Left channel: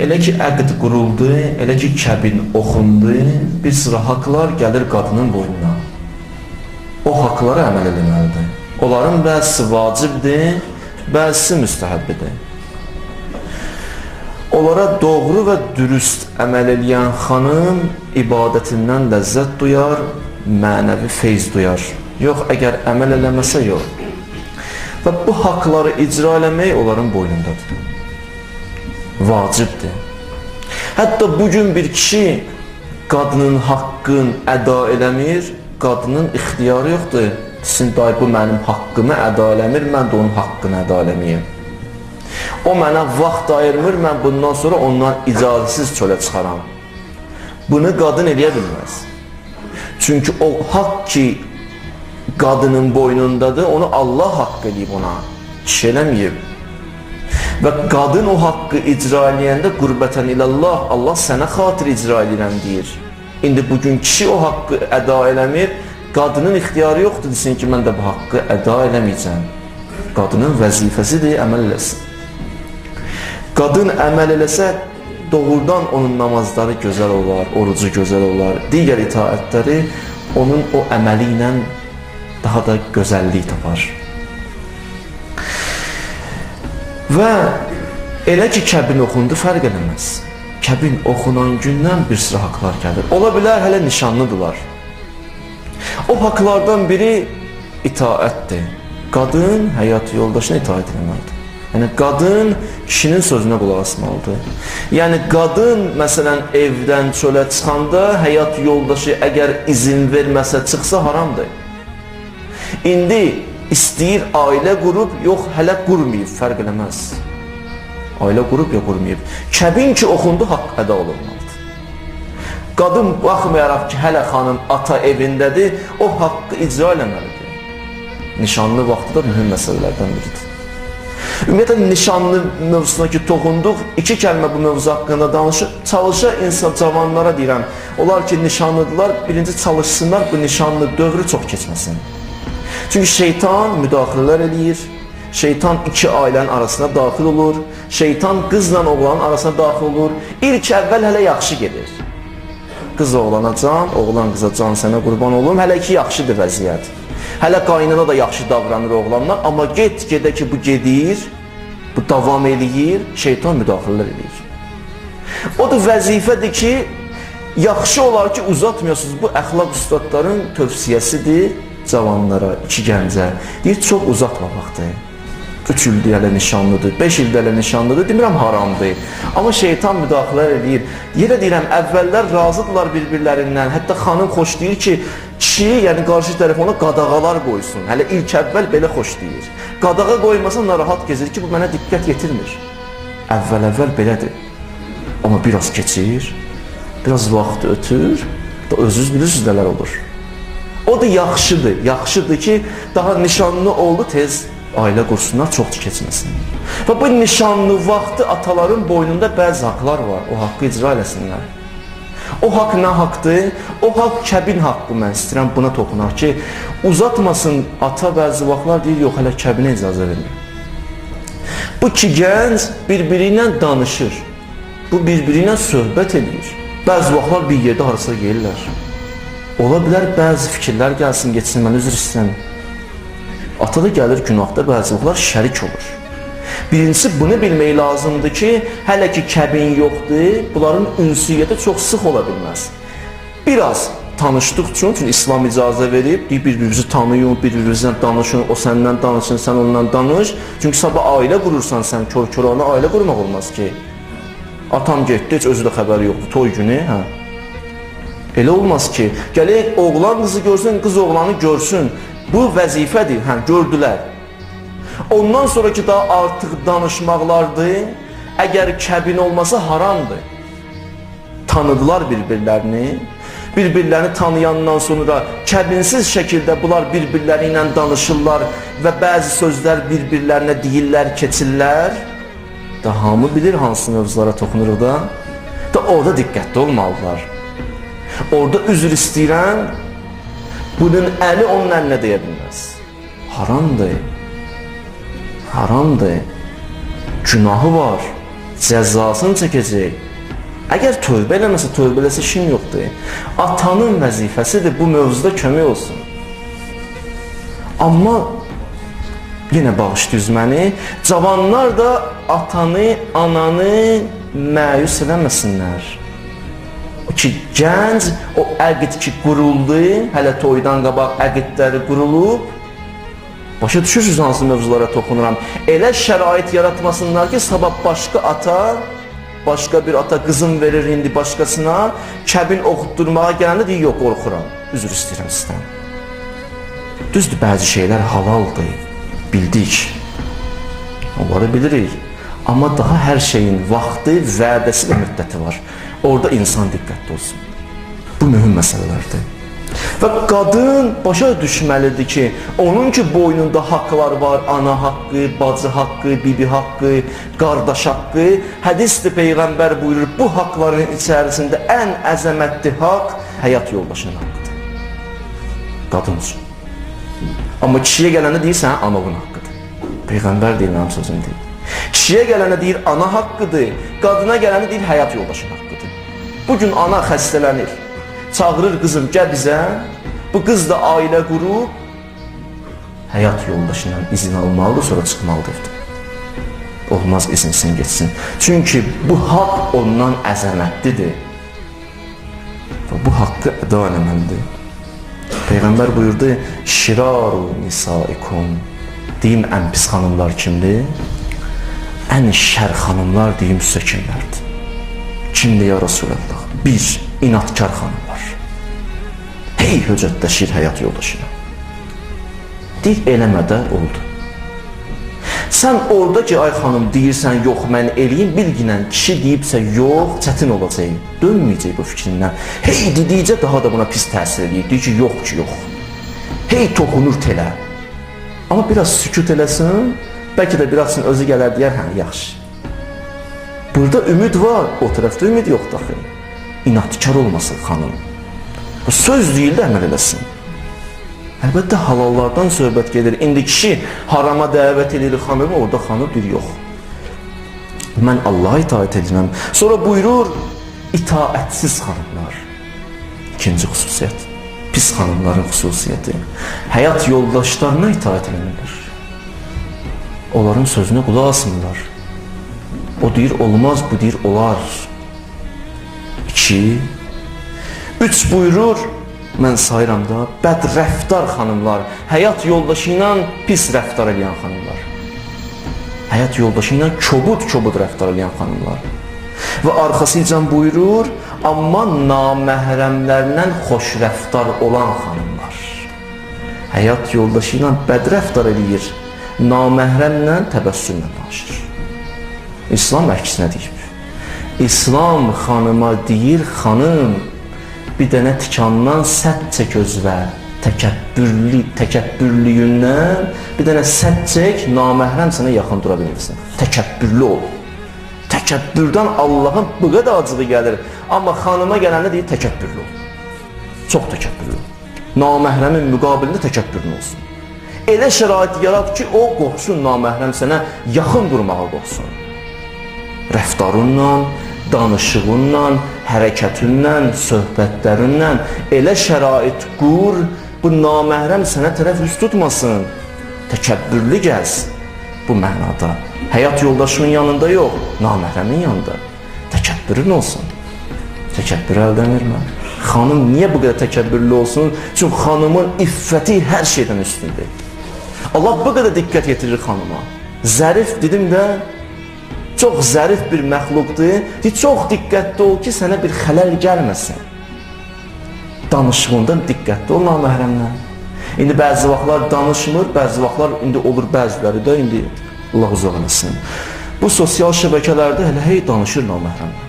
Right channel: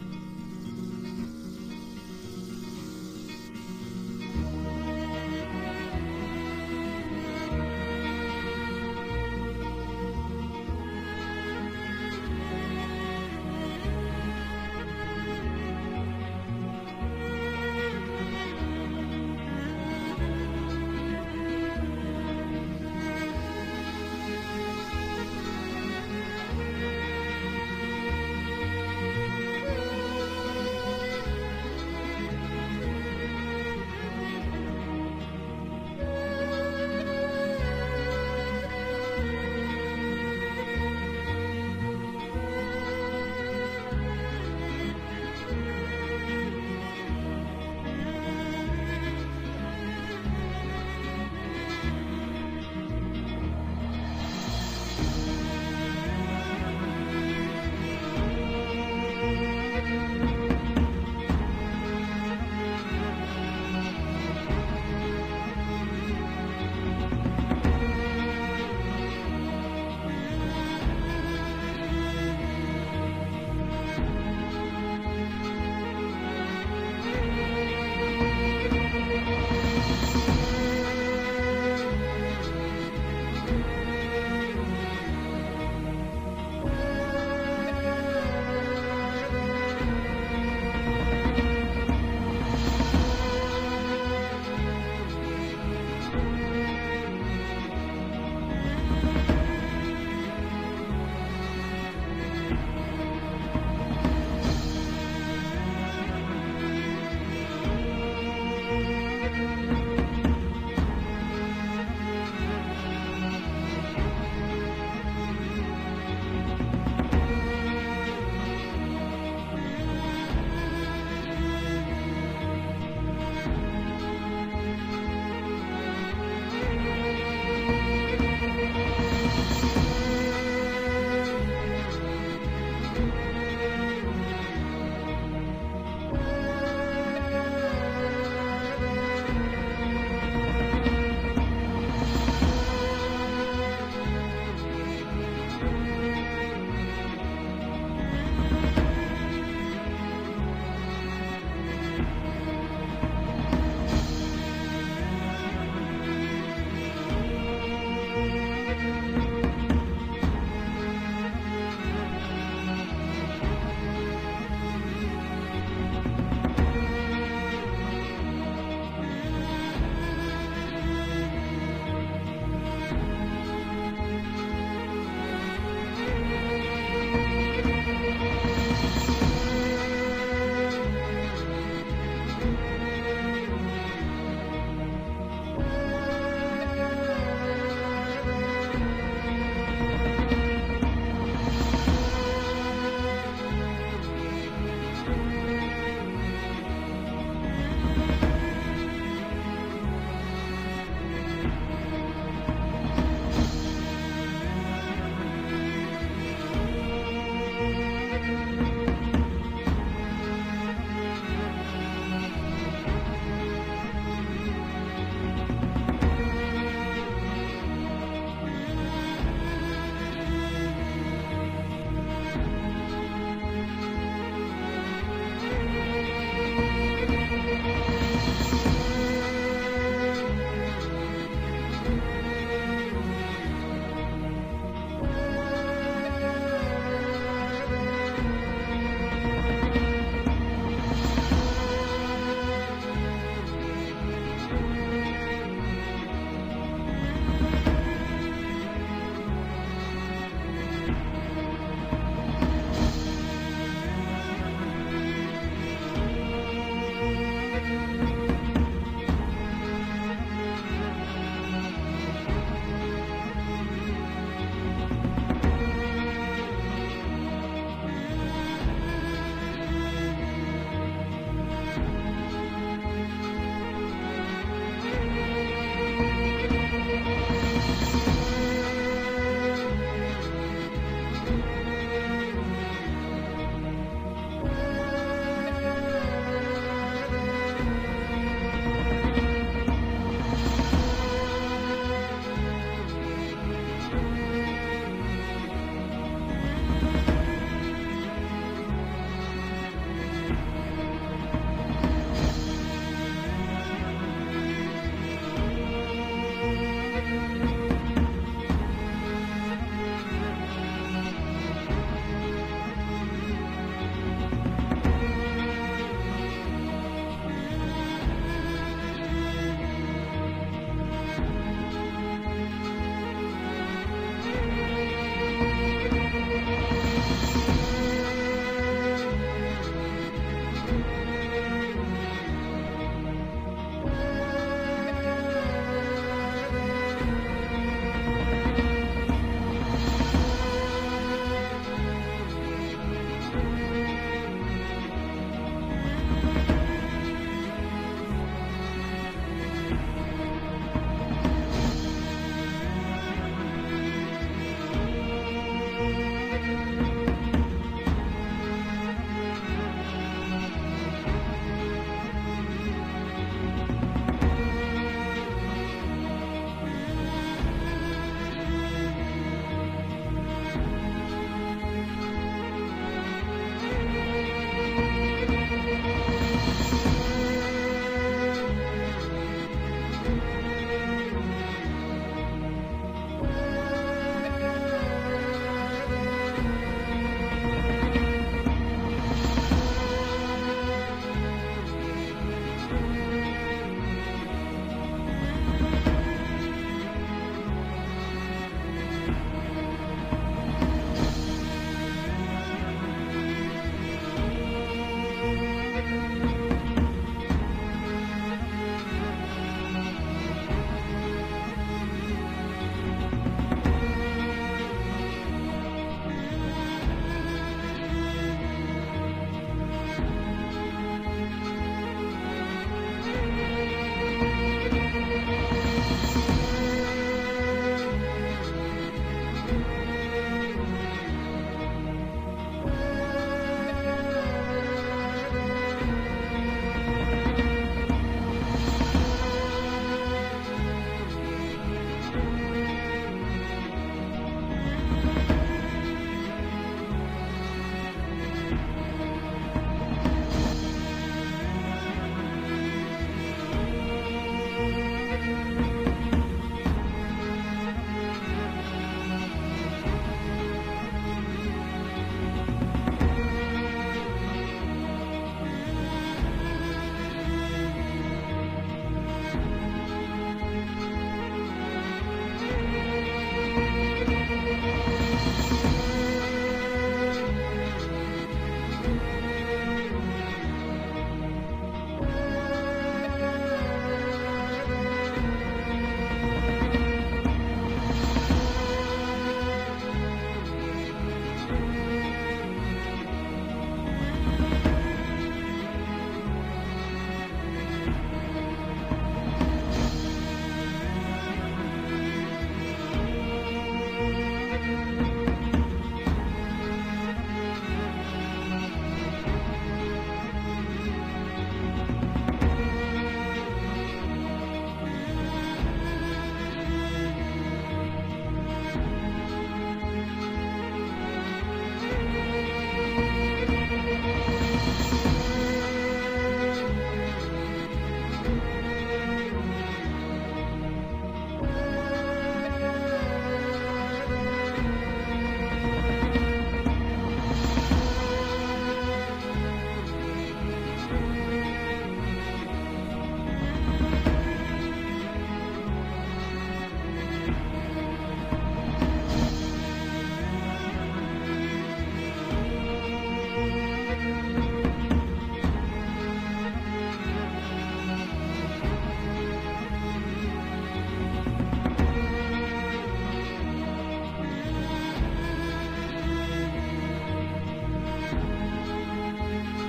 Elə ki əqd quruldu, elə ki kəbin oxundu, bir sıra haqlar gəlir qadının boynuna. O haqlara əməl eləməlidir. Onların bəzisi vacibdir, bəzisi müstəhəbbidir. Onlara doğru və dürüst əməl eləyən xanım ibadətindən ləzzət duyar, mənəvi feyz duyar. Yox, əgər əməl eləməsə yox. Və bu haqları icra eləmək onların boynundadır. Vacibdir. Hətta bugün bir kişi qadının haqqını əda eləmir, qadının ixtiyarı yoxdur. Sizin dayı bu mənim haqqımı əda eləmir, mən də onun haqqını əda eləməyim. O mənə vaxt ayırmır, mən bundan sonra ondan icazəsiz çölə çıxaram. Bunu qadın eləyə bilməz. Çünki o haqq ki qadının boynundadır, onu Allah haqq edib ona, kişi eləməyib. Və qadın o haqqı icra eləyəndə qurbətən ilallah, Allah sənə xatir icra edirəm deyir. İndi bugün kişi o haqqı əda eləmir, qadının ixtiyarı yoxdur, desin ki, mən də bu haqqı əda eləməyəcəm. Qadının vəzifəsidir, əməl eləsin. Qadın əməl eləsə, doğrudan onun namazları gözəl olar, orucu gözəl olar, digər itaətləri onun o əməli ilə daha da gözəllik tapar. Və elə ki kəbin oxundu, fərq eləməz. Kəbin oxunan gündən bir sıra haqlar gəlir. Ola bilər, hələ nişanlıdırlar. O haqlardan biri itaətdir. Qadın həyat yoldaşına itaət etməlidir. Yəni, qadın kişinin sözünə qulaq asmalıdır. Yəni, qadın, məsələn, evdən çölə çıxanda həyat yoldaşı əgər izin verməsə, çıxsa haramdır. İndi İstəyir ailə qurub, yox, hələ qurmayıb, fərq eləməz. Ailə qurub, yox, qurmayıb. Kəbin ki, oxundu, haqq əda olunmalıdır. Qadın, baxmayaraq ki, hələ xanım ata evindədir, o haqqı icra eləməlidir. Nişanlı vaxtı da mühüm məsələlərdən biridir. Ümumiyyətlə, nişanlı mövzusuna ki, toxunduq, iki kəlmə bu mövzu haqqında danışır. Çalışa insan, cavanlara deyirəm, onlar ki, nişanlıdırlar, birinci çalışsınlar, bu nişanlı dövrü çox keçməsin. Çünki şeytan müdaxilələr eləyir, şeytan iki ailənin arasına daxil olur, şeytan qızla oğlanın arasına daxil olur. İlk əvvəl hələ yaxşı gedir. Qız oğlana can, oğlan qıza can, sənə qurban olum, hələ ki yaxşıdır vəziyyət. Hələ qaynana da yaxşı davranır oğlanlar, amma get-gedə ki bu gedir, bu davam eləyir, şeytan müdaxilələr eləyir. O da vəzifədir ki, yaxşı olar ki uzatmıyorsunuz, bu əxlaq üstadların tövsiyəsidir. Cavanlara, iki gəncə, deyir, çox uzatmamaqdır. 3 ildir hələ nişanlıdır, 5 ildir hələ nişanlıdır, demirəm haramdır. Amma şeytan müdaxilələr edir. Yerə deyirəm, əvvəllər razıdırlar bir-birlərindən, hətta xanım xoş deyir ki, kişi, yəni qarşı tərəf ona qadağalar qoysun. Hələ ilk əvvəl belə xoş deyir. Qadağa qoymasa narahat gezir ki, bu mənə diqqət yetirmir. Əvvəl belədir. Amma biraz keçir, biraz vaxt ötür, da özünüz bilirsiniz nələr olur. O da yaxşıdır, yaxşıdır ki, daha nişanlı oldu tez ailə qursunlar, çox keçməsin. Və bu nişanlı vaxtı ataların boynunda bəzi haqlar var, o haqqı icra eləsinlər. O haqq nə haqqdır? O haqq kəbin haqqı, mən istəyirəm buna toxunaq ki, uzatmasın ata bəzi vaxtlar deyir, yox, hələ kəbinə icazə verir. Bu iki gənc bir-biri ilə danışır, bu bir-biri ilə söhbət edir. Bəzi vaxtlar bir yerdə harasa gelirlər. Ola bilər, bəzi fikirlər gəlsin, geçsin, mən üzr istəyəm. Ata da gəlir günahda, bəzi vaxtlar şərik olur. Birincisi, bunu bilmək lazımdır ki, hələ ki kəbin yoxdur, bunların ünsiyyəti çox sıx ola bilməz. Biraz tanışdıq üçün İslam icazə verib, bir-birinizi tanıyın, bir-birinizlə danışın, o səndən danışın, sən ondan danış. Çünki sabah ailə qurursan, sən kör-körana ailə qurmaq olmaz ki. Atam getdi, heç özü də xəbəri yoxdur, toy günü, hə. Elə olmaz ki, gələk oğlan qızı görsün, qız oğlanı görsün. Bu vəzifədir, hə, gördülər. Ondan sonraki daha artıq danışmaqlardır, əgər kəbin olmasa haramdır. Tanıdılar bir-birlərini, bir-birlərini tanıyandan sonra kəbinsiz şəkildə bunlar bir-birləri ilə danışırlar və bəzi sözlər bir-birlərinə deyirlər, keçirlər. Da hamı bilir hansı mövzulara toxunuruq da orada diqqətli olmalılar. Orada üzr istəyirəm, bunun əli onun əlinə deyə bilməz. Haramdır, haramdır, günahı var, cəzasını çəkəcək. Əgər tövbə eləməsə, tövbə eləsə işin yoxdur. Atanın vəzifəsidir bu mövzuda kömək olsun. Amma yenə bağışlayız məni, cavanlar da atanı, ananı məyus eləməsinlər. O ki, gənc, o əqid ki quruldu, hələ toydan qabaq əqidləri qurulub, başa düşürsünüz hansı mövzulara toxunuram. Elə şərait yaratmasınlar ki, sabah başqa bir ata qızım verir indi başqasına, kəbin oxutdurmağa gələndə deyir, yox, qorxuram, üzr istəyirəm sizdən. Düzdür, bəzi şeylər halaldır, bildik, onları bilirik. Amma daha hər şeyin vaxtı, vədəsi və müddəti var. Orada insan diqqətli olsun. Bu mühüm məsələlərdir. Və qadın başa düşməlidir ki, onun ki boynunda haqlar var, ana haqqı, bacı haqqı, bibi haqqı, qardaş haqqı. Hədisdir, Peyğəmbər buyurur, bu haqların içərisində ən əzəmətli haqq həyat yoldaşının haqqıdır. Qadın üçün. Amma kişiyə gələndə deyir, sən anavın haqqıdır. Peyğəmbər deyir, mənim sözüm deyil. Kişiyə gələndə deyir, ana haqqıdır, qadına gələndə deyir, həyat yoldaşının haqqıdır. Bugün ana xəstələnir. Çağırır qızım, gəl bizə, bu qız da ailə qurub, həyat yoldaşından izin almalıdır, sonra çıxmalıdır. Olmaz izinsin, geçsin. Çünki bu haqq ondan əzəmətlidir. Bu haqqı əda eləməlidir. Peyğəmbər buyurdu, şiraru nisaikum, deyim ən pis xanımlar kimdir? Ən şər xanımlar deyim sizə kimlərdir? Kimdir ya Rasulallah? Bir, inatkar xanımlar. Hey höcətləşir həyat yoldaşına. Deyir, eləmədə oldu. Sən orada ki, ay xanım deyirsən, yox, mən eləyim, bilginən kişi deyibsə, yox, çətin olacaq, dönməyəcək bu fikrindən. Hey dedikcə daha da buna pis təsir edir, deyir ki, yox ki, yox. Hey toxunur telə. Amma biraz sükut eləsin, bəlkə də birazsın özü gələr deyər, hə, yaxşı. Burada ümid var, o tərəfdə ümid yox daxil. İnatkar olmasın xanım. Bu söz deyil də əməl eləsin. Əlbəttə halallardan söhbət gedir. İndi kişi harama dəvət edir xanımı, orada xanım bir yox. Mən Allaha itaət edirəm. Sonra buyurur, itaətsiz xanımlar. İkinci xüsusiyyət. Pis xanımların xüsusiyyəti. Həyat yoldaşlarına itaət edirlər. Onların sözünə qulaq asmırlar. O deyir, olmaz, bu deyir, olar. 2. 3 buyurur, mən sayıram da, bədrəftar xanımlar, həyat yoldaşı ilə pis rəftar edən xanımlar. Həyat yoldaşı ilə kobud rəftar edən xanımlar. Və arxasıca buyurur, amma naməhrəmlərlə xoş rəftar olan xanımlar. Həyat yoldaşı ilə bədrəftar edir, naməhrəmlə təbəssümlə danışır. İslam əksinə deyib. İslam xanıma deyir, xanım, bir dənə tikandan sədd çək özvə, təkəbbürlüyündən bir dənə sədd çək, naməhrəm sənə yaxın dura bilirsən. Təkəbbürlü ol. Təkəbbürdən Allahın bu qədər acığı gəlir. Amma xanıma gələndə deyir, təkəbbürlü ol. Çox təkəbbürlü ol. Naməhrəmin müqabilində təkəbbürlü olsun. Elə şərait yarat ki, o qorxsun naməhrəm sənə yaxın durmağa qorxsun. Rəftarınla, danışığınla, hərəkətinlə, söhbətlərinlə elə şərait qur, bu naməhrəm sənə tərəf üst tutmasın. Təkəbbürlü gəz bu mənada. Həyat yoldaşının yanında yox, naməhrəmin yanında. Təkəbbürün olsun. Təkəbbür əldən vermə. Xanım niyə bu qədər təkəbbürlü olsun? Çünki xanımın iffəti hər şeydən üstündür. Allah bu qədər diqqət yetirir xanıma. Zərif dedim də, çox zərif bir məxluqdur. Çox diqqətli ol ki, sənə bir xələl gəlməsin. Danışığında diqqətli ol naməhrəmdən. İndi bəzi vaxtlar danışmır, bəzi vaxtlar indi olur bəziləri də indi Allah uzaq eləsin. Bu sosial şəbəkələrdə elə hey danışır naməhrəmdən.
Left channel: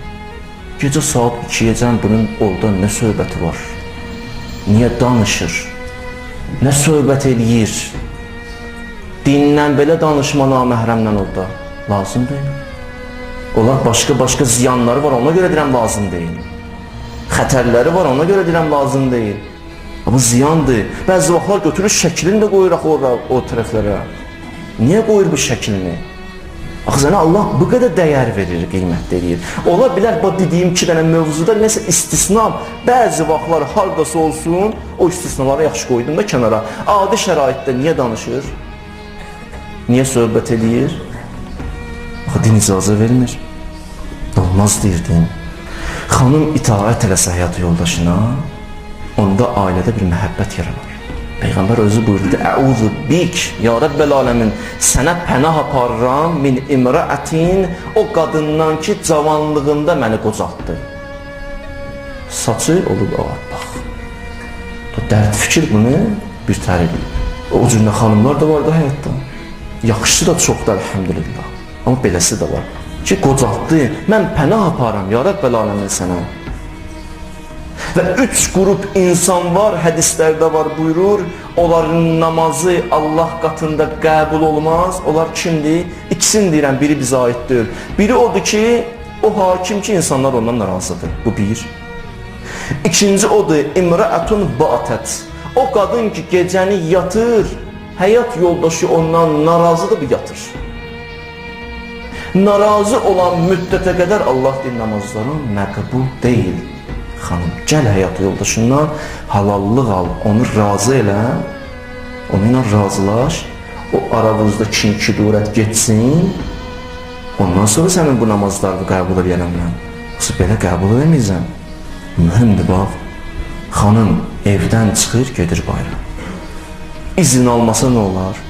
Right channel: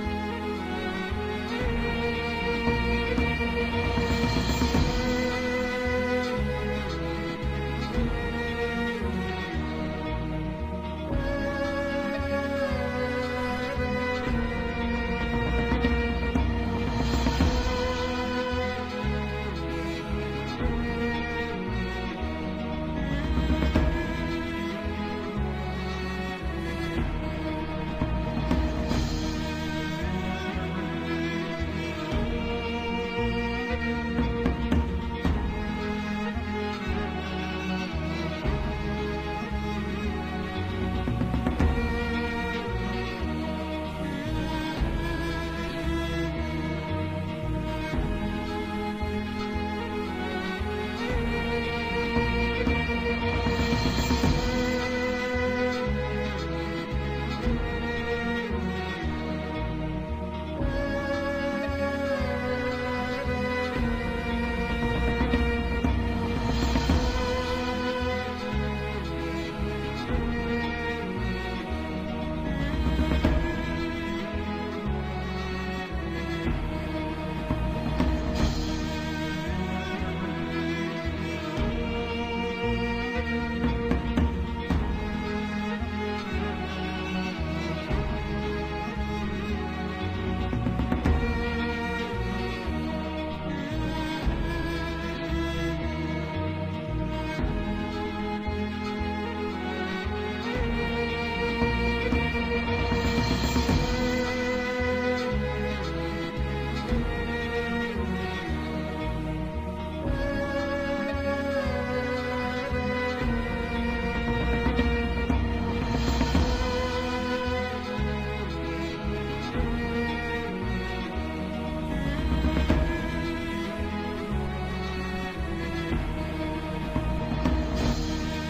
Gecə saat 2-yəcən bunun orada nə söhbəti var? Niyə danışır? Nə söhbət eləyir? Dindən belə danışma naməhrəmdən orada lazım deyil. Onlar başqa ziyanları var, ona görə deyirəm lazım deyil. Xətərləri var, ona görə deyirəm lazım deyil. Bu ziyandır. Bəzi vaxtlar götürür şəklini də qoyur o tərəflərə. Niyə qoyur bu şəklini? Axı sənə Allah bu qədər dəyər verir, qiymət verir. Ola bilər bu dediyim 2 dənə mövzuda nəsə istisna, bəzi vaxtlar hardasa olsun, o istisnaları yaxşı qoydum da kənara. Adi şəraitdə niyə danışır? Niyə söhbət edir? Axı din icazə vermir. Olmaz deyir din. Xanım itaət eləsə həyat yoldaşına, onda ailədə bir məhəbbət yaranır. Peyğəmbər özü buyurdu, Əuzu bik, ya Rəbbəl aləmin, sənə pənah aparıram min imrəətin, o qadından ki, cavanlığında məni qocaltdı. Saçı olub ağartmaq. Dərd fikir bunu bir tərib. O cürlə xanımlar da var da həyatda. Yaxşısı da çoxdur, əlhəmdülillah. Amma beləsi də var. Ki, qocaltdı, mən pənah aparam, ya Rəbbəl aləmin sənə. Və 3 qrup insan var, hədislərdə var, buyurur, onların namazı Allah qatında qəbul olmaz. Onlar kimdir? İkisini deyirəm, biri bizə aid deyil. Biri odur ki, o hakim ki, insanlar ondan narazıdır. Bu bir. İkinci odur, imrəətun batət. O qadın ki, gecəni yatır, həyat yoldaşı ondan narazıdır, bu yatır. Narazı olan müddətə qədər Allah deyir, namazların məqbul deyil. Xanım, gəl həyat yoldaşından halallıq al, onu razı elə, onunla razılaş, o aranızda kin-kudurət getsin, ondan sonra sənin bu namazlarını qəbul edəyəm mən. Yoxsa belə qəbul edəməyəcəm. Mühümdür, bax, xanım evdən çıxır, gedir bayra. İzin almasa nə olar?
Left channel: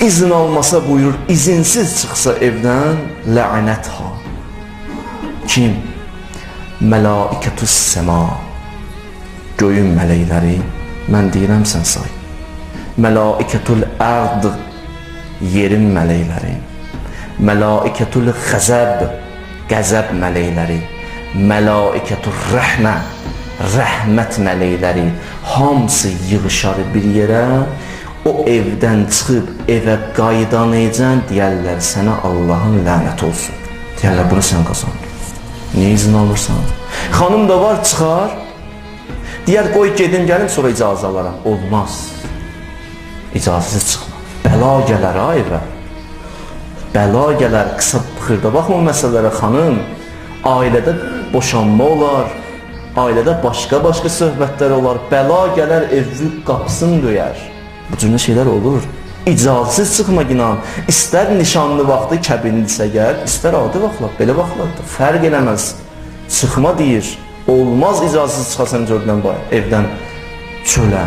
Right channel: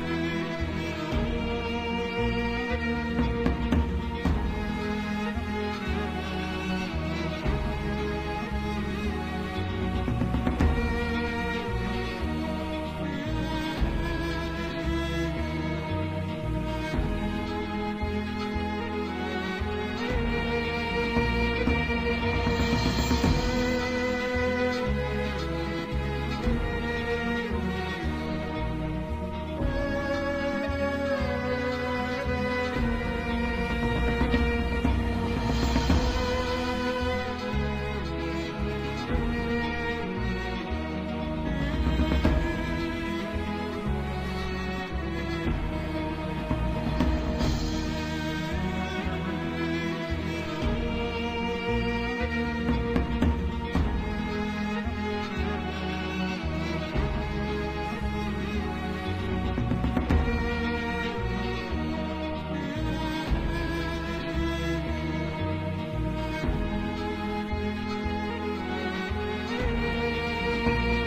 İzin almasa buyurur, izinsiz çıxsa evdən, lə'nət ha. Kim? Mələikətüs səma, göyün mələkləri, mən deyirəm sən say. Mələikətül ərd, yerin mələkləri. Mələikətül xəzəb, qəzəb mələkləri. Mələikətül rəhmə, rəhmət mələkləri. Hamısı yığışar bir yerə, o evdən çıxıb evə qayıdanaycan deyərlər, sənə Allahın lənət olsun. Deyərlər, bunu sən qazan. Niyə izin alırsan? Xanım da var, çıxar. Deyər, qoy gedim, gəlim, sonra icazə alaram. Olmaz. İcazəsiz çıxmaz. Bəla gələr, ha, evə. Bəla gələr, qısa xırda baxma məsələlərə, xanım. Ailədə boşanma olar, ailədə başqa-başqa söhbətlər olar. Bəla gələr, evli qapısını döyər. Bu cürlə şeylər olur. İcazəsiz çıxmaq inan, istər nişanlı vaxtı kəbinlisə gəl, istər adi vaxtlar, belə vaxtlarda fərq eləməz. Çıxma deyir, olmaz icazəsiz çıxasan evdən çölə.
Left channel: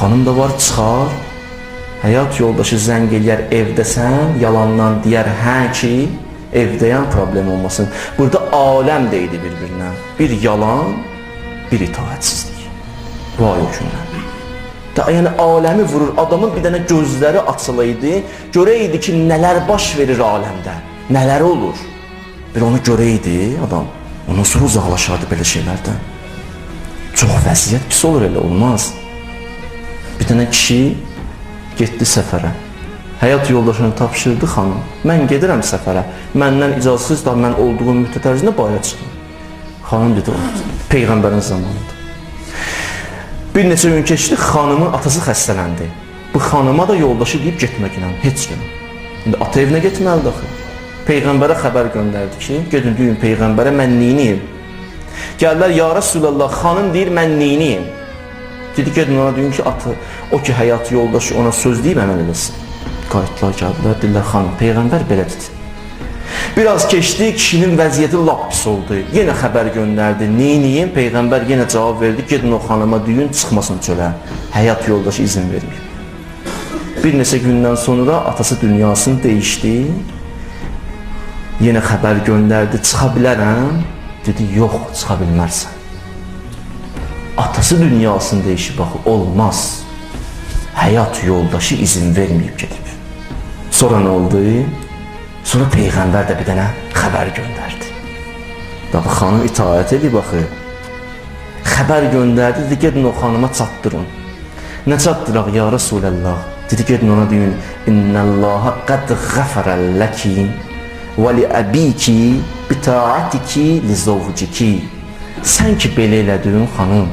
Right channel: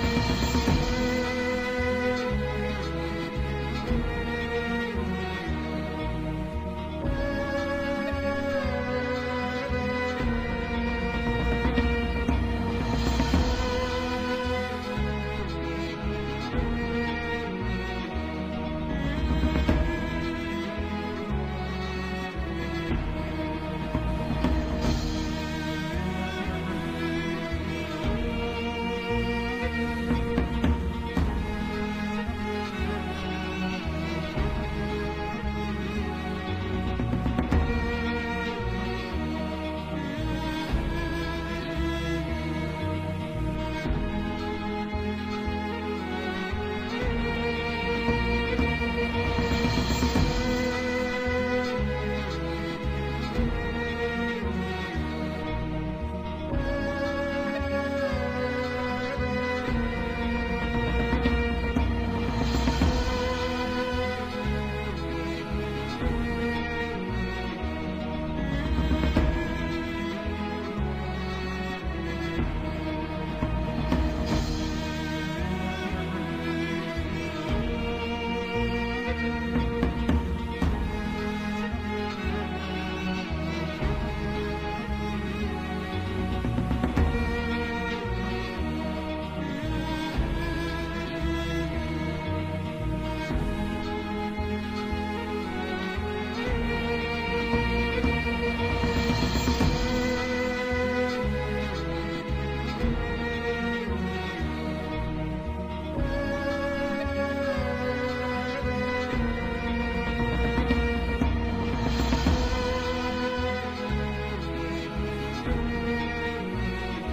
Xanım da var, çıxar, həyat yoldaşı zəng eləyər, evdəsən, yalandan deyər, hə ki, evdəyən problem olmasın. Burada aləm deyildi bir-birinə, bir yalan, bir itaətsizlik. Bu ay o günlər. Yəni aləmi vurur, adamın bir dənə gözləri açılaydı, görəydi ki, nələr baş verir aləmdə, nələr olur. Bir onu görəydi adam, ondan sonra uzaqlaşardı belə şeylərdən. Çox vəziyyət pis olur, elə olmaz. Bir dənə kişi getdi səfərə, həyat yoldaşını tapşırdı xanım, mən gedirəm səfərə, məndən icazəsiz da mən olduğum müddət ərzində bayra çıxdım. Xanım dedi, Peyğəmbərin zamanıdır. Bir neçə gün keçdi, xanımın atası xəstələndi. Bu xanıma da yoldaşı deyib getmək ilə, heç gün. Ata evinə getməlidir. Peyğəmbərə xəbər göndərdi ki, gedin deyin Peyğəmbərə, mən neyniyim? Gəllər, ya Rasulallah, xanım deyir, mən neyniyim? Dedi, gedin ona deyin ki, atı, o ki, həyat yoldaşı ona söz deyib əməl eləsin. Qayıtlar gəldilər, deyirlər, xanım, Peyğəmbər belə dedi. Biraz keçdi, kişinin vəziyyəti lap pis oldu. Yenə xəbər göndərdi, neyniyim? Peyğəmbər yenə cavab verdi, gedin o xanıma deyin, çıxmasın çölə. Həyat yoldaşı izin verir. Bir neçə gündən sonra atası dünyasını dəyişdi. Yenə xəbər göndərdi, çıxa bilərəm. Dedi, yox, çıxa bilmərsən. Atası dünyasını dəyişib, baxı, olmaz. Həyat yoldaşı izin verməyib gedib. Sonra nə oldu? Sonra Peyğəmbər də bir dənə xəbər göndərdi. Baxı, xanım itaət edib, baxı. Xəbər göndərdi, dedi, gedin o xanıma çatdırın. Nə çatdıraq, ya Rasulallah? Dedi, gedin ona deyin, İnnəllaha qəd ғəfərəlləki və li əbiki bita'atiki li zovciki. Sən ki, belə elədin, xanım,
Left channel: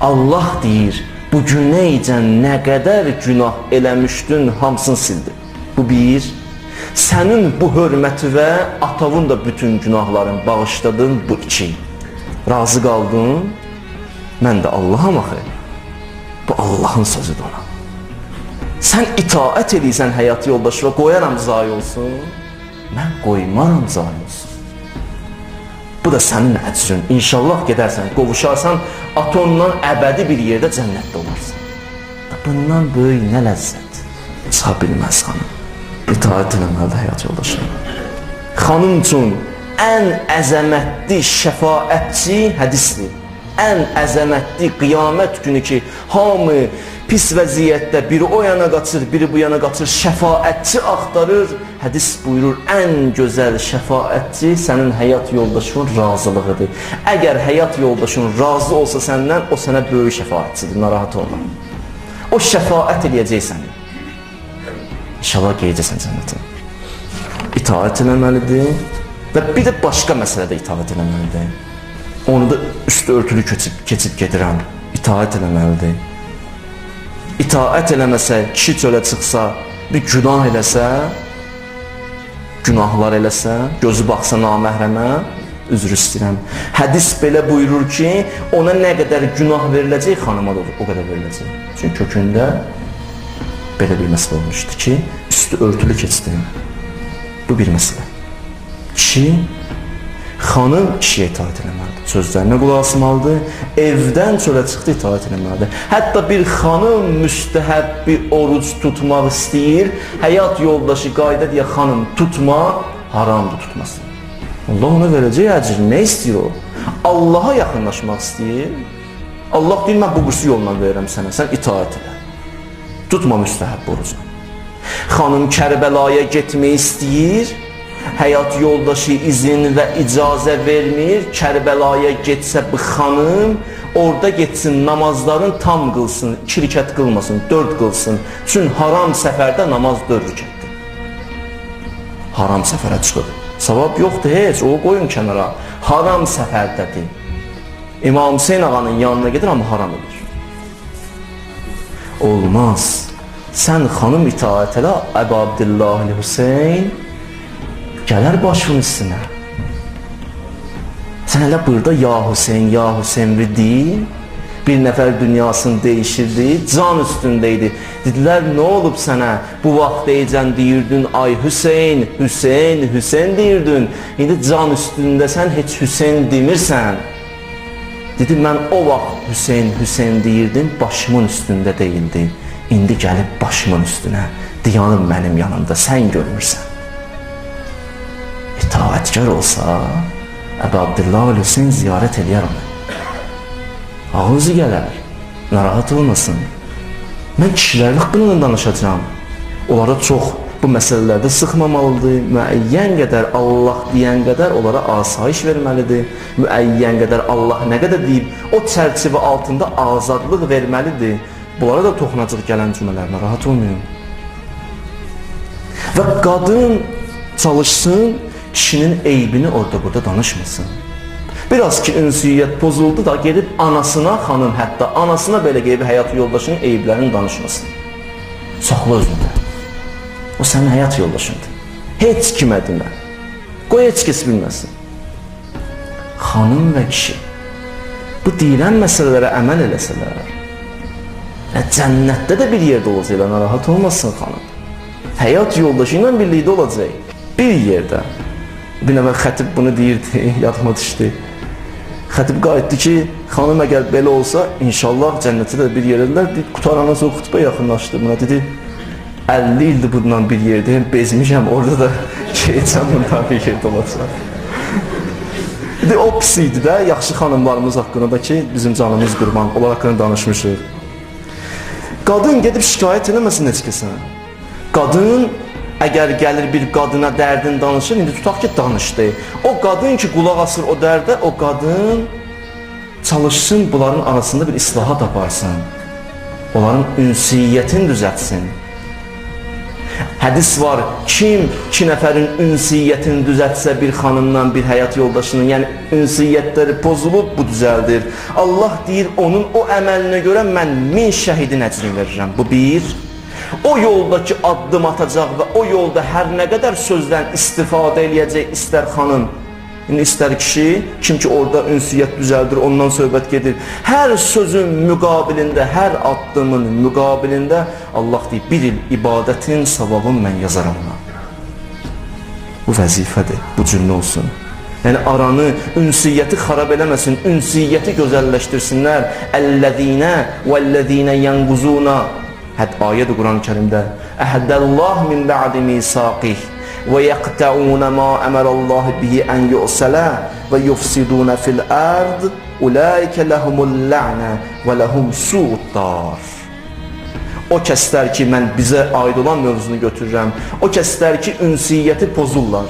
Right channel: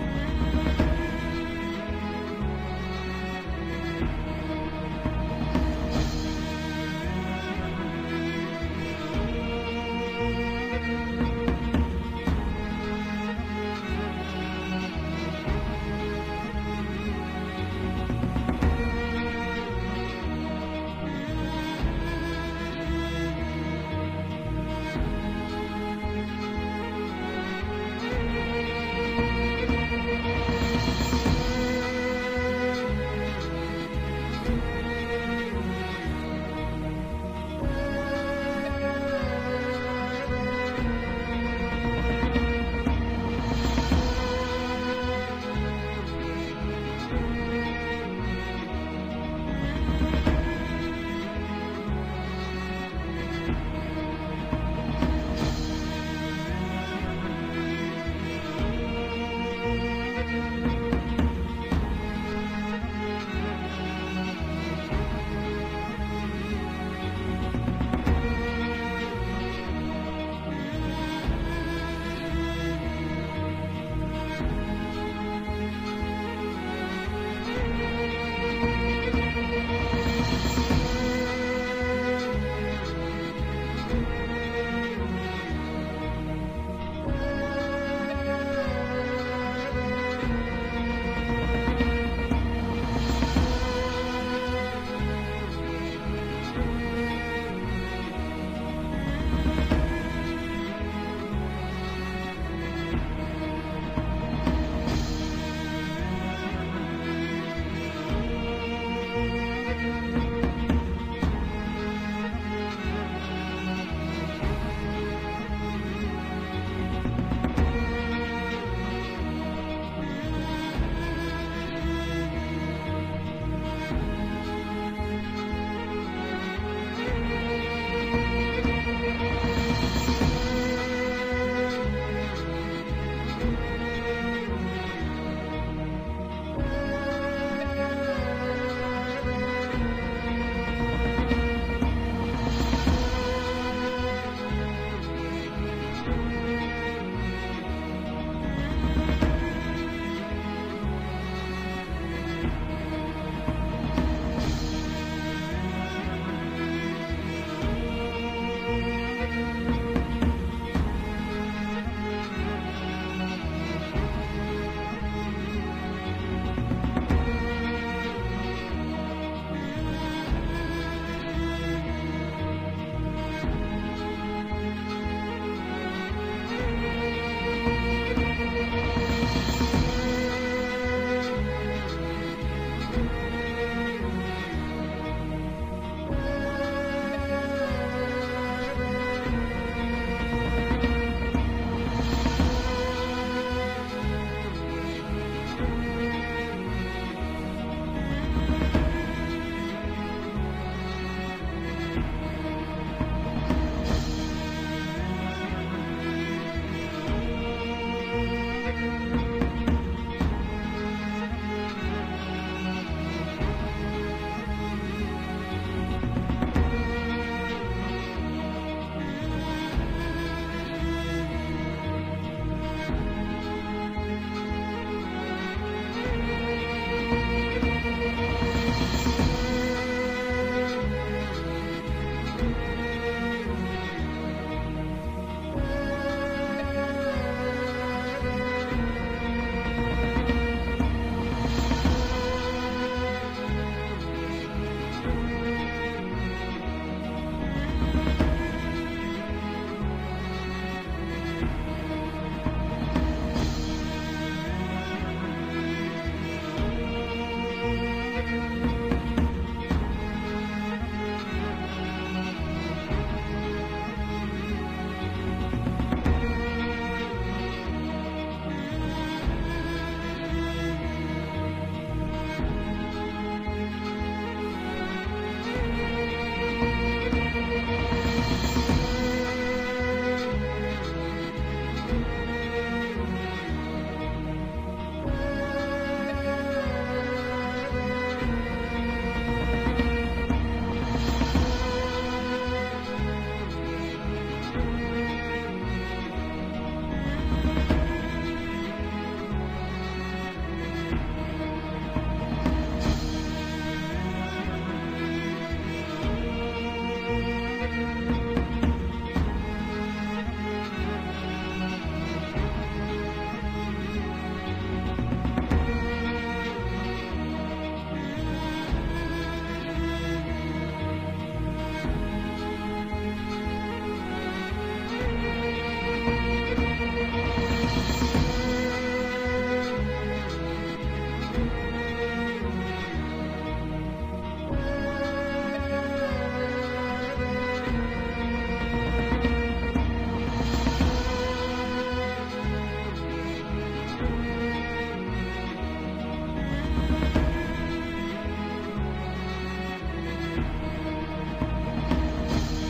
Allah deyir, bu günəycən nə qədər günah eləmişdin, hamısını sildi. Bu bir. Sənin bu hörməti və atavın da bütün günahların bağışladın bu iki. Razı qaldın, mən də Allaham axı. Bu Allahın sözüdür ona. Sən itaət edirsən həyat yoldaşı və qoyaram zayi olsun, mən qoymaram zayi olsun. Bu da sənin əcrin. İnşallah gedərsən, qovuşarsan, atonla əbədi bir yerdə cənnətdə olursan. Bundan böyük nə ləzzət çıxa bilməz xanım. İtaət eləməlidir həyat yoldaşı. Xanım üçün ən əzəmətli şəfaətçi hədisdir. Ən əzəmətli qiyamət günü ki, hamı pis vəziyyətdə biri o yana qaçır, biri bu yana qaçır, şəfaətçi axtarır. Hədis buyurur, ən gözəl şəfaətçi sənin həyat yoldaşının razılığıdır. Əgər həyat yoldaşın razı olsa səndən, o sənə böyük şəfaətçidir, narahat olma. O şəfaət eləyəcəksən. İnşallah qeyəcəksən cənnətin. İtaət eləməlidir və bir də başqa məsələdə itaət eləməlidir. Onu da üstü örtülü keçib gedirəm. İtaət eləməlidir. İtaət eləməsə, kişi çölə çıxsa, bir günah eləsə, günahlar eləsə, gözü baxsa naməhrəmə, üzr istəyirəm. Hədis belə buyurur ki, ona nə qədər günah veriləcək, xanıma da o qədər veriləcək. Çünki kökündə belə bir məsələ olmuşdu ki, üstü örtülü keçdi. Bu bir məsələ. Kişi, xanım kişiyə itaət eləməlidir. Sözlərinə qulaq asmalıdır, evdən çölə çıxdı itaət eləməlidir. Hətta bir xanım müstəhəb bir oruc tutmaq istəyir, həyat yoldaşı qayda deyə xanım tutma, haramdır tutması. Allah ona verəcək əcr, nə istəyir o? Allaha yaxınlaşmaq istəyir. Allah deyir, mən bu qüsü yolla verirəm sənə, sən itaət elə. Tutma müstəhəb orucu. Xanım Kərbəlaya getmək istəyir, həyat yoldaşı izin və icazə vermir, Kərbəlaya getsə bu xanım, orada getsin namazların tam qılsın, 2 rükət qılmasın, 4 qılsın. Çünki haram səfərdə namaz 4 rükətdir. Haram səfərə çıxır. Savab yoxdur heç, o qoyun kənara. Haram səfərdədir. İmam Hüseyin ağanın yanına gedir, amma haram edir. Olmaz. Sən xanım itaət elə, Əbu Abdillah Hüseyin gələr başının üstünə. Sən elə burada ya Hüseyin deyil, bir nəfər dünyasını dəyişirdi, can üstündəydi. Dedilər, nə olub sənə? Bu vaxt deyəcən deyirdin, ay Hüseyin deyirdin. İndi can üstündəsən, heç Hüseyin demirsən. Dedi, mən o vaxt Hüseyin deyirdim, başımın üstündə deyildi. İndi gəlib başımın üstünə, diyanım mənim yanımda, sən görmürsən. İtaətkar olsa, Əbu Abdillah Hüseyin ziyarət eləyər onu. Ağızı gələr, narahat olmasın. Mən kişilərlə haqqında danışacağım. Onlara çox bu məsələlərdə sıxmamalıdır. Müəyyən qədər Allah deyən qədər onlara asayiş verməlidir. Müəyyən qədər Allah nə qədər deyib, o çərçivə altında azadlıq verməlidir. Bunlara da toxunacaq gələn cümlələrlə rahat olmayın. Və qadın çalışsın, kişinin eybini orada burada danışmasın. Biraz ki ünsiyyət pozuldu da gelib anasına, xanım hətta anasına belə gelib həyat yoldaşının eyblərini danışmasın. Saxla özünü. O sənin həyat yoldaşındır. Heç kimə demə. Qoy heç kəs bilməsin. Xanım və kişi bu deyilən məsələlərə əməl eləsələr, cənnətdə də bir yerdə olacaqlar, narahat olmasın xanım. Həyat yoldaşı ilə birlikdə olacaq. Bir yerdə. Bir nəfər xətib bunu deyirdi, yadıma düşdü. Xətib qayıtdı ki, xanım əgər belə olsa, inşallah cənnətdə də bir yerədirlər. Bir qutarandan sonra xutbə yaxınlaşdı buna, dedi, 50 ildir bundan bir yerdəyim, bezmişəm, orada da canımdan bir yerdə olacaq. O pis idi də, yaxşı xanımlarımız haqqında da ki, bizim canımız qurban, onlar haqqında danışmışıq. Qadın gedib şikayət eləməsin heç kəsə. Qadın, əgər gəlir bir qadına dərdin danışır, indi tutaq ki, danışdı. O qadın ki, qulaq asır o dərdə, o qadın çalışsın, bunların arasında bir islahat aparsın. Onların ünsiyyətini düzəltsin. Hədis var, kim 2 nəfərin ünsiyyətini düzəltsə bir xanımdan, bir həyat yoldaşının, yəni ünsiyyətləri pozulub, bu düzəldir. Allah deyir, onun o əməlinə görə mən 1000 şəhidin əcrini verirəm. Bu bir. o yoldakı addım atacaq və o yolda hər nə qədər sözdən istifadə eləyəcək, istər xanım, istər kişi, kim ki orada ünsiyyət düzəldir, ondan söhbət gedir. Hər sözün müqabilində, hər addımın müqabilində Allah deyir, bir il ibadətin savabını mən yazaram. Bu vəzifədir, bu cümlə olsun. Yəni aranı, ünsiyyəti xarab eləməsin, ünsiyyəti gözəlləşdirsinlər. Əl-ləzīnə vəl-ləzīnə yənquzuna. Hətta ayədir Quran-ı Kərimdə. Əhəddəlləh min bə'di misaqih və yəqtəunə ma əmərəlləh bihi ən yu'sələ və yufsidunə fil-ərd ulaikə ləhumul lə'nə və ləhum su'ud-dar. O kəslər ki, mən bizə aid olan mövzunu götürürəm, o kəslər ki, ünsiyyəti pozurlar.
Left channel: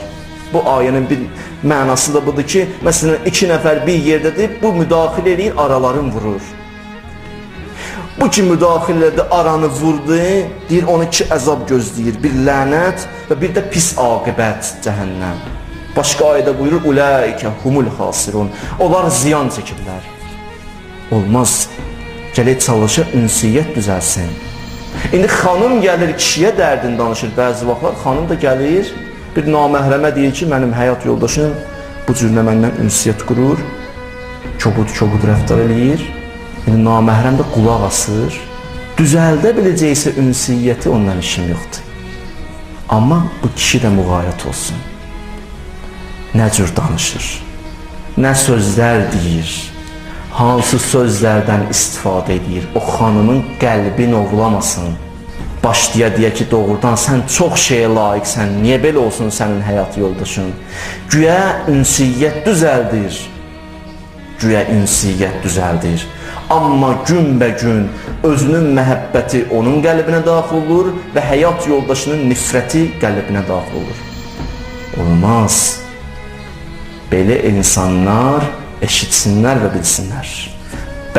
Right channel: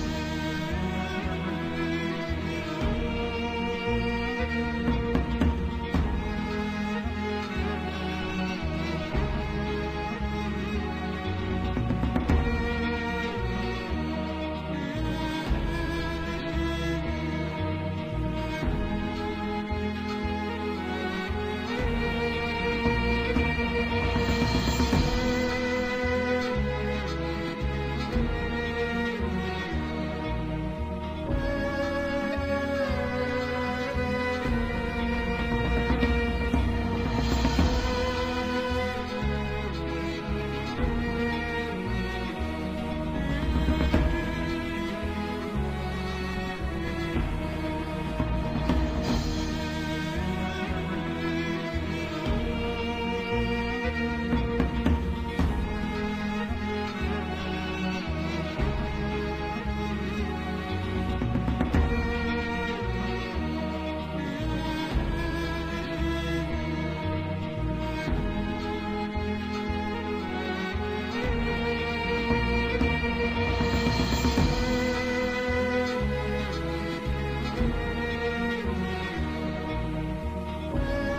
Bu ayənin bir mənası da budur ki, məsələn, iki nəfər bir yerdədir, bu müdaxilə eləyir, araların vurur. Bu ki, müdaxilə edir, aranı vurdu, deyir, onu iki əzab gözləyir, bir lənət və bir də pis aqibət, cəhənnəm. Başqa ayədə buyurur, ulaikə humul xasirun, onlar ziyan çəkirlər. Olmaz, gələk çalışır, ünsiyyət düzəlsin. İndi xanım gəlir, kişiyə dərdini danışır, bəzi vaxtlar xanım da gəlir, bir naməhrəmə deyir ki, mənim həyat yoldaşım bu cürlə məndən ünsiyyət qurur, kobud rəftar eləyir, naməhrəm də qulaq asır, düzəldə biləcəksə ünsiyyəti ondan işim yoxdur. Amma bu kişi də müğayət olsun. Nə cür danışır, nə sözlər deyir, hansı sözlərdən istifadə edir, o xanımın qəlbini oğlamasın. Başlaya deyə ki, doğrudan sən çox şeyə layiqsən, niyə belə olsun sənin həyat yoldaşın? Güya ünsiyyət düzəldir, güya ünsiyyət düzəldir. Amma günbəgün özünün məhəbbəti onun qəlbinə daxil olur və həyat yoldaşının nifrəti qəlbinə daxil olur. Olmaz. Belə insanlar eşitsinlər və bilsinlər.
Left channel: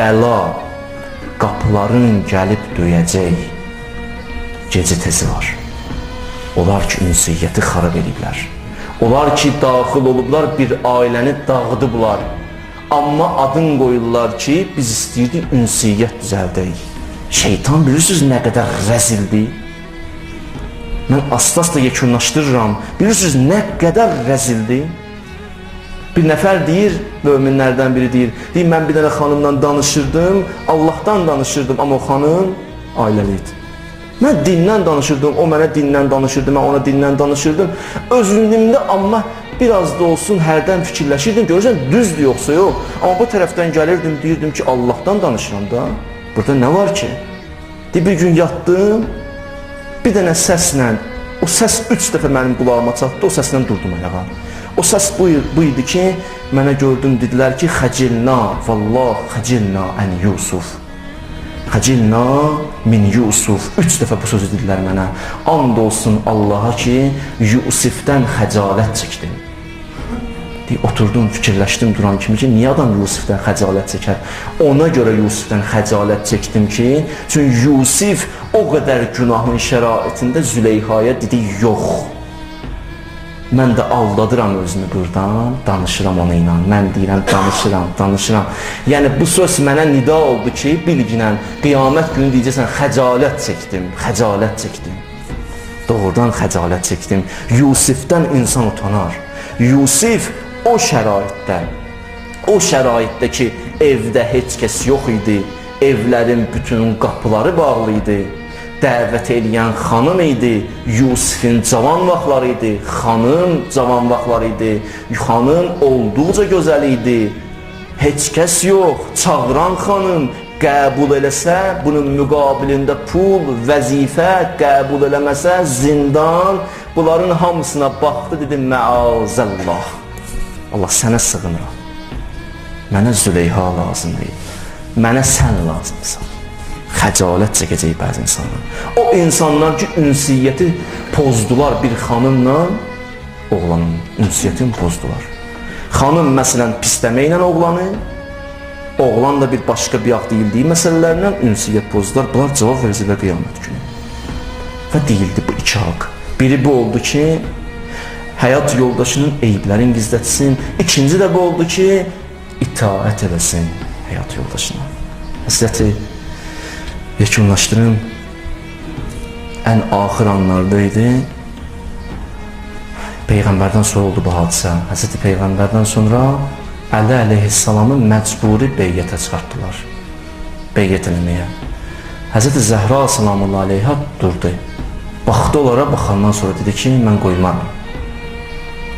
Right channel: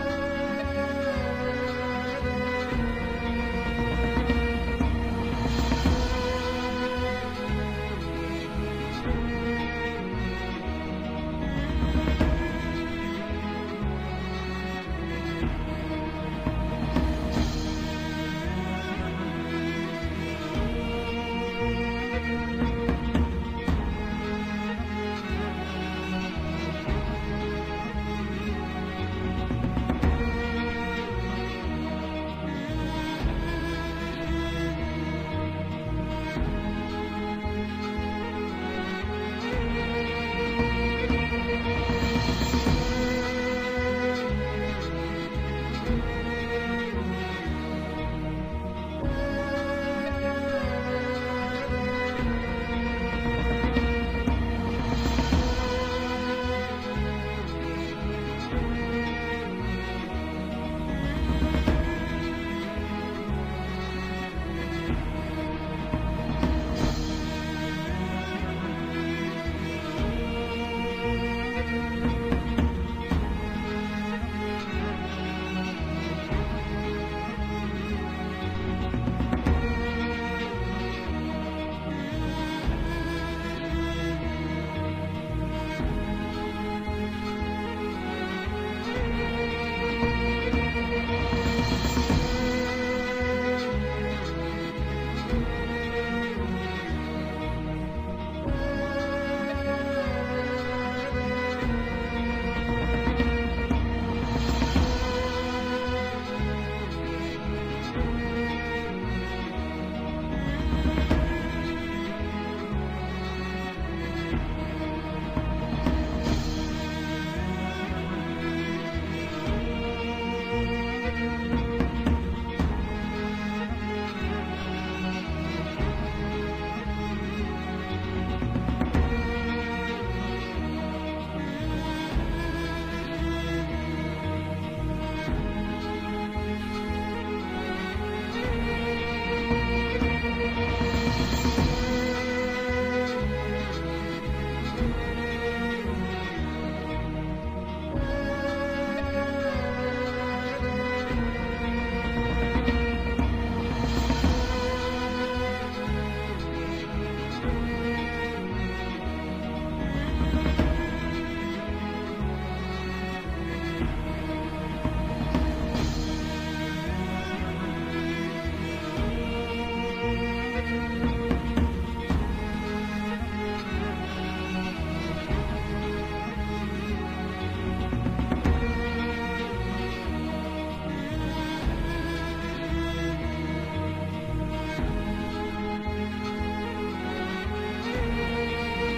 Bəla qapıların gəlib döyəcək. Gecə tezi var. Onlar ki, ünsiyyəti xarab ediblər. Onlar ki, daxil olublar, bir ailəni dağıdıblar. Amma adın qoyurlar ki, biz istəyirdik ünsiyyət düzəldək. Şeytan bilirsiniz nə qədər rəzildir? Mən asla yekunlaşdırıram. Bilirsiniz nə qədər rəzildir? Bir nəfər deyir, möminlərdən biri deyir, mən bir dənə xanımdan danışırdım, Allahdan danışırdım, amma o xanım ailəli idi. Mən dindən danışırdım, o mənə dindən danışırdı, mən ona dindən danışırdım. Özlüyümdə amma biraz da olsun hərdən fikirləşirdim, görürsən düzdür yoxsa yox. Amma bu tərəfdən gəlirdim, deyirdim ki, Allahdan danışıram da. Burada nə var ki? Bir gün yatdım, bir dənə səslə, o səs 3 dəfə mənim qulağıma çatdı, o səslə durdum ayağa. O səs bu idi ki, mənə gördüm, dedilər ki, xəcilna, vallah, xəcilna ən Yusuf. Xəcilna min Yusuf. 3 dəfə bu sözü dedilər mənə. And olsun Allaha ki, Yusifdən xəcalət çəkdim. Oturdum, fikirləşdim duran kimi ki, niyə adam Yusifdən xəcalət çəkər? Ona görə Yusifdən xəcalət çəkdim ki, çünki Yusif o qədər günahın şəraitində Züleyxaya dedi, yox. Mən də aldadıram özümü buradan, danışıram ona ilə. Mən deyirəm, danışıram. Yəni, bu söz mənə nida oldu ki, bilginən, qiyamət günü deyəcəksən, xəcalət çəkdim. Doğrudan xəcalət çəkdim. Yusifdən insan utanar. Yusif o şəraitdə ki, evdə heç kəs yox idi, evlərin bütün qapıları bağlı idi. Dəvət eləyən xanım idi, Yusifin cavan vaxtları idi, xanım cavan vaxtları idi, xanım olduqca gözəl idi, heç kəs yox, çağıran xanım qəbul eləsə, bunun müqabilində pul, vəzifə, qəbul eləməsə, zindan, bunların hamısına baxdı, dedi, məazəllah, Allah sənə sığınır, mənə Züleyha lazım deyil, mənə sən lazımsan. Xəcalət çəkəcək bəzi insanlar. O insanlar ki, ünsiyyəti pozdular bir xanımla, oğlanın ünsiyyətini pozdular. Xanım, məsələn, pisləməklə oğlanı, oğlan da bir başqa bir deyildiyi məsələlərlə ünsiyyət pozdular. Bunlar cavab verəcəklər qiyamət günü. Və deyildi bu 2 haqq. Biri bu oldu ki, həyat yoldaşının eyblərini gizlətsin. İkinci də bu oldu ki, itaət eləsin həyat yoldaşına. Həsrəti yekunlaşdırın. ən axır anlarda idi. Peyğəmbərdən sonra oldu bu hadisə. Həzrəti Peyğəmbərdən sonra Əli əleyhissalamı məcburi beyyətə çıxartdılar. Beyyət eləməyə. Həzrəti Zəhra salamullahi aleyhə durdu. Baxdı onlara, baxandan sonra dedi ki, mən qoymaram.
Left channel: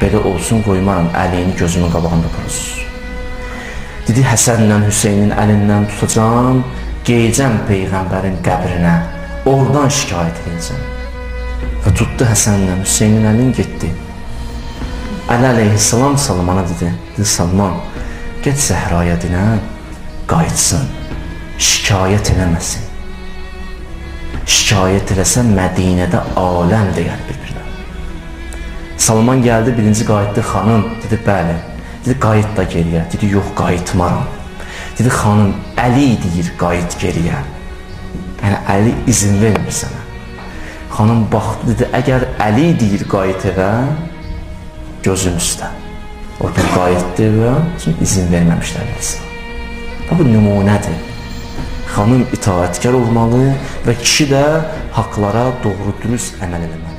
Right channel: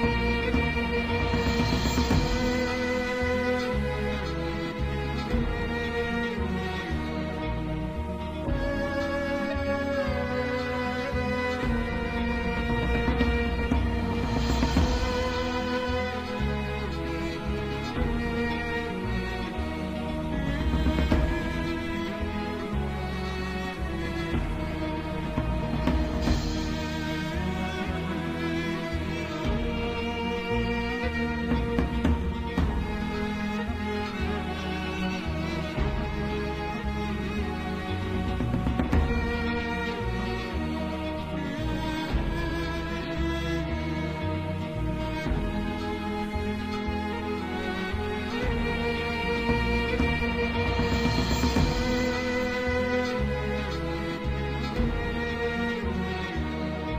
Belə olsun, qoymaram, Əliyini gözümün qabağında qoysun. Dedi, Həsənlə Hüseynin əlindən tutacağım, geyəcəm Peyğəmbərin qəbrinə, oradan şikayət edəcəm. Və tutdu Həsənlə Hüseynin əlini getdi. Əli əleyhissalam Salmana dedi, Salman, get Zəhraya dinə, qayıtsın, şikayət eləməsin. Şikayət eləsən Mədinədə aləm deyər bir-birinə. Salman gəldi, birinci qayıtdı, xanım, dedi, bəli. Dedi, qayıt da geriyə. Dedi, yox, qayıtmaram. Dedi, xanım, Əli deyir, qayıt geriyə. Yəni, Əli izin vermir sənə. Xanım baxdı, dedi, əgər Əli deyir, qayıt evə, gözüm üstə. Orada qayıtdı və izin verməmişlər insan. Bu nümunədir. Xanım itaətkar olmalı və kişi də haqlara doğru dürüst əməl etməli.